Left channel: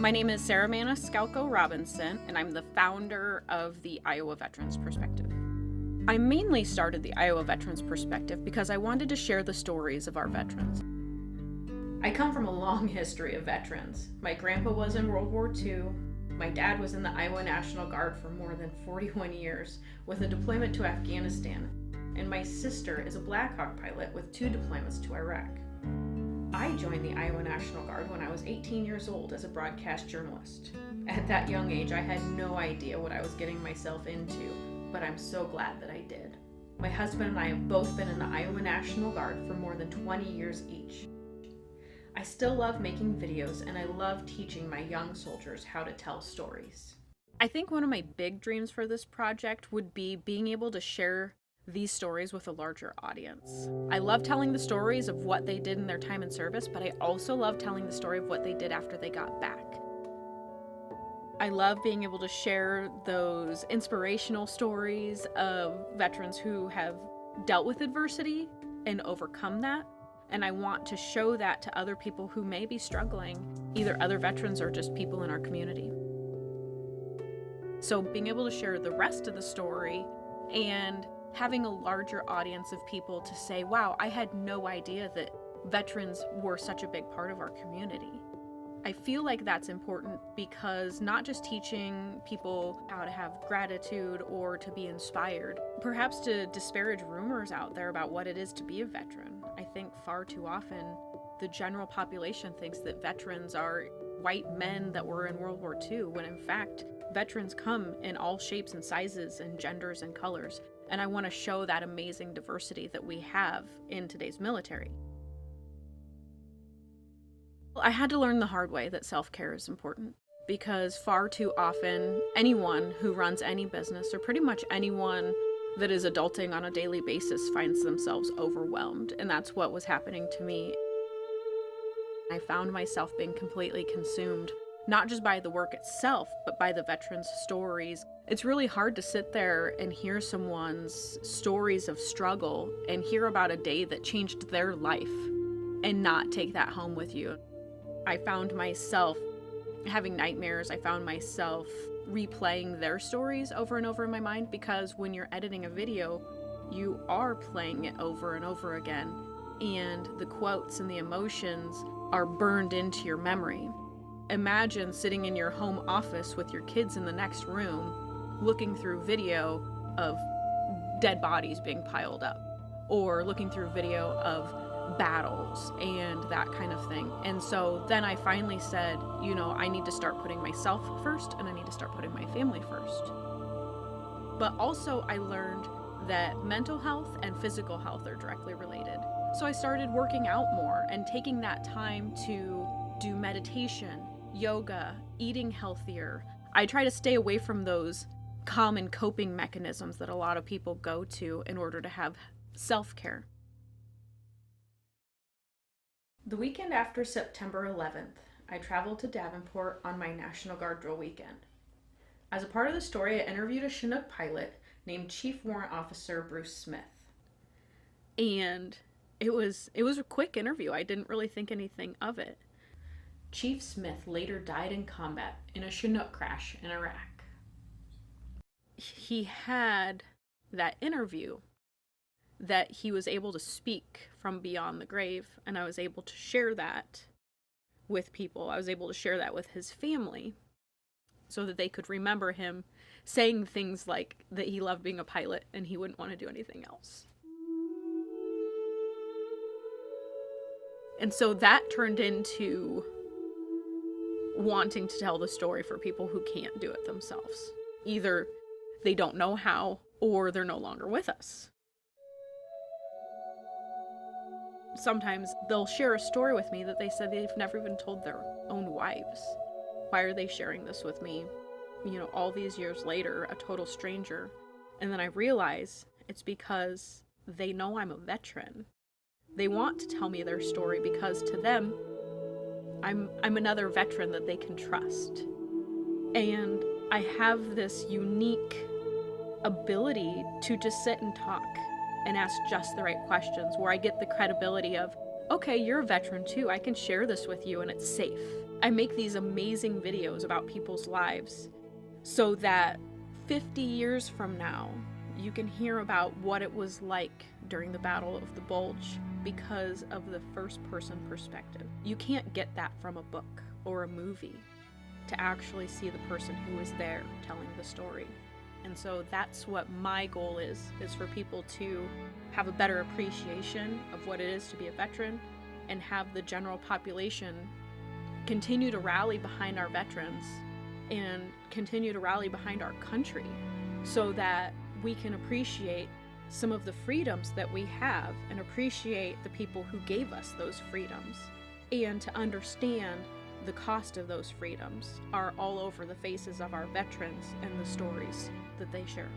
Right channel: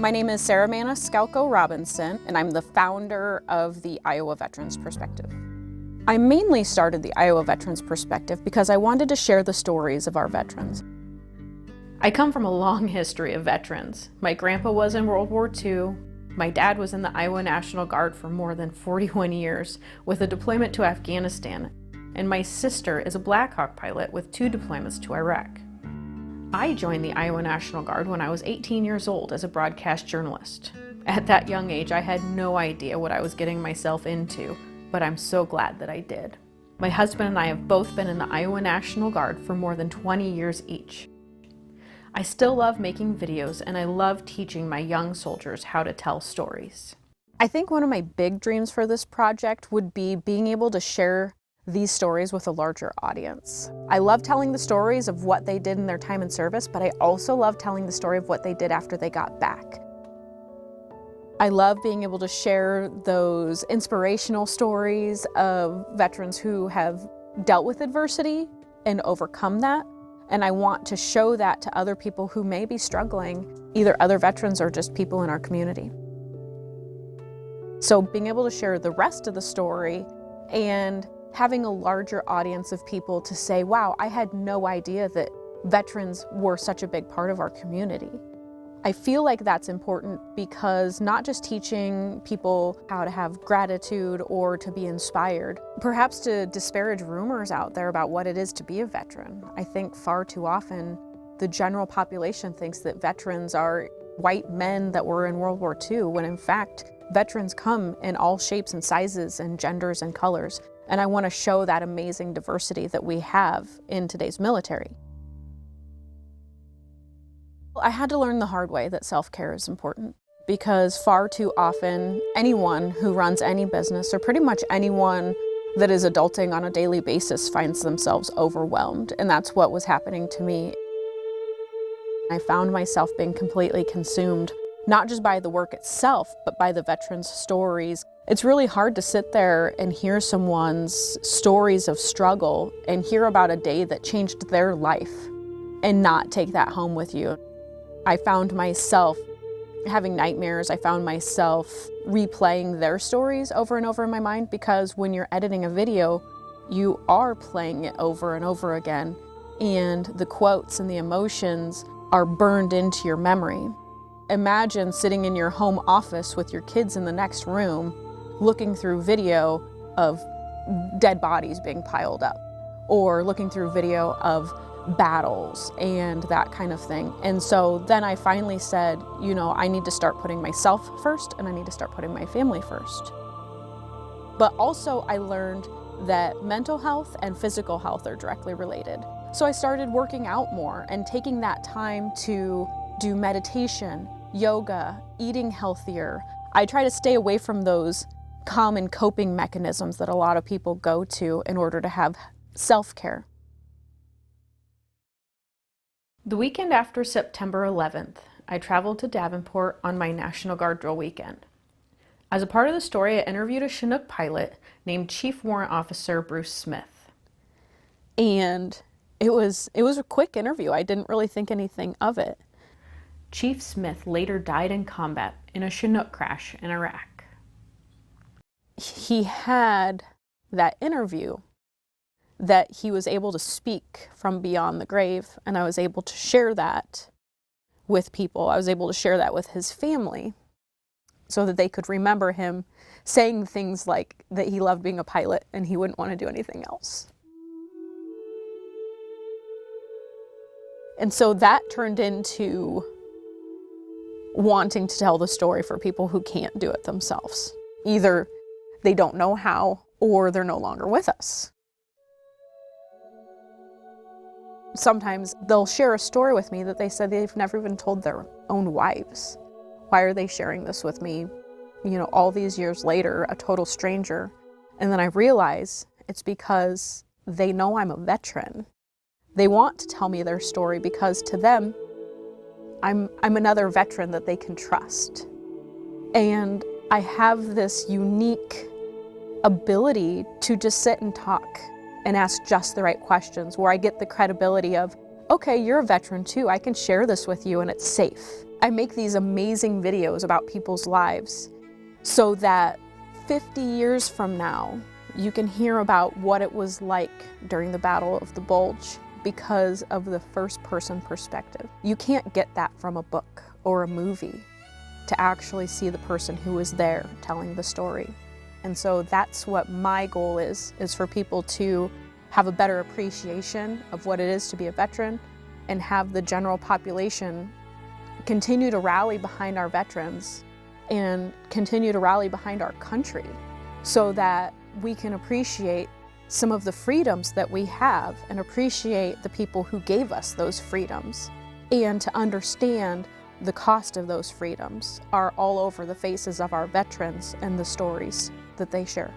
My name is Sarah Maniscalco Robinson, and I'm the founder of the Iowa Veterans Perspective. I mainly started the Iowa Veterans Perspective because I wanted to share the stories of our veterans. I come from a long history of veterans. My grandpa was in World War II. My dad was in the Iowa National Guard for more than 41 years with a deployment to Afghanistan. And my sister is a Black Hawk pilot with 2 deployments to Iraq. I joined the Iowa National Guard when I was 18 years old as a broadcast journalist. At that young age, I had no idea what I was getting myself into, but I'm so glad that I did. My husband and I have both been in the Iowa National Guard for more than 20 years each. I still love making videos, and I love teaching my young soldiers how to tell stories. I think one of my big dreams for this project would be being able to share these stories with a larger audience. I love telling the stories of what they did in their time in service, but I also love telling the story of what they did after they got back. I love being able to share those inspirational stories of veterans who have dealt with adversity and overcome that. And I want to show that to other people who may be struggling, either other veterans or just people in our community. So being able to share the rest of the story and having a larger audience of people to say, wow, I had no idea that veterans were such a big part of our community. I feel like that's important because not just teaching people how to have gratitude or to be inspired, perhaps to disparage rumors out there about what it is to be a veteran. I think far too often the general population thinks that veterans are white men that were in World War II, when in fact, veterans come in all shapes and sizes and genders and colors. And I want to show that amazing diversity that we have in today's military. I had to learn the hard way that self-care is important, because far too often anyone who runs any business, or pretty much anyone that is adulting on a daily basis, finds themselves overwhelmed. And that's what was happening to me. I found myself being completely consumed, not just by the work itself, but by the veterans' stories. It's really hard to sit there and hear someone's stories of struggle and hear about a day that changed their life and not take that home with you. I found myself having nightmares. I found myself replaying their stories over and over in my mind, because when you're editing a video, you are playing it over and over again, and the quotes and the emotions are burned into your memory. Imagine sitting in your home office with your kids in the next room, looking through video of dead bodies being piled up, or looking through video of battles and that kind of thing. And so then I finally said, you know, I need to start putting myself first, and I need to start putting my family first. But also I learned that mental health and physical health are directly related. So I started working out more and taking that time to do meditation, yoga, eating healthier. I try to stay away from those common coping mechanisms that a lot of people go to in order to have self-care. The weekend after September 11th, I traveled to Davenport on my National Guard drill weekend. As a part of the story, I interviewed a Chinook pilot named Chief Warrant Officer Bruce Smith. And it was a quick interview. I didn't really think anything of it. Chief Smith later died in combat in a Chinook crash in Iraq. He had that interview that he was able to speak from beyond the grave, and I was able to share that with people. I was able to share that with his family so that they could remember him saying things like that he loved being a pilot and he wouldn't want to do anything else. And so that turned into wanting to tell the story for people who can't do it themselves. Either they don't know how, or they're no longer with us. Sometimes they'll share a story with me that they said they've never even told their own wives. Why are they sharing this with me, you know, all these years later, a total stranger? And then I realize it's because they know I'm a veteran. They want to tell me their story because to them, I'm another veteran that they can trust. And I have this unique ability to just sit and talk and ask just the right questions, where I get the credibility of, okay, you're a veteran too, I can share this with you and it's safe. I make these amazing videos about people's lives so that 50 years from now, you can hear about what it was like during the Battle of the Bulge because of the first-person perspective. You can't get that from a book or a movie, to actually see the person who was there telling the story. And so that's what my goal is for people to have a better appreciation of what it is to be a veteran, and have the general population continue to rally behind our veterans and continue to rally behind our country, so that we can appreciate some of the freedoms that we have and appreciate the people who gave us those freedoms, and to understand the cost of those freedoms are all over the faces of our veterans and the stories that they share.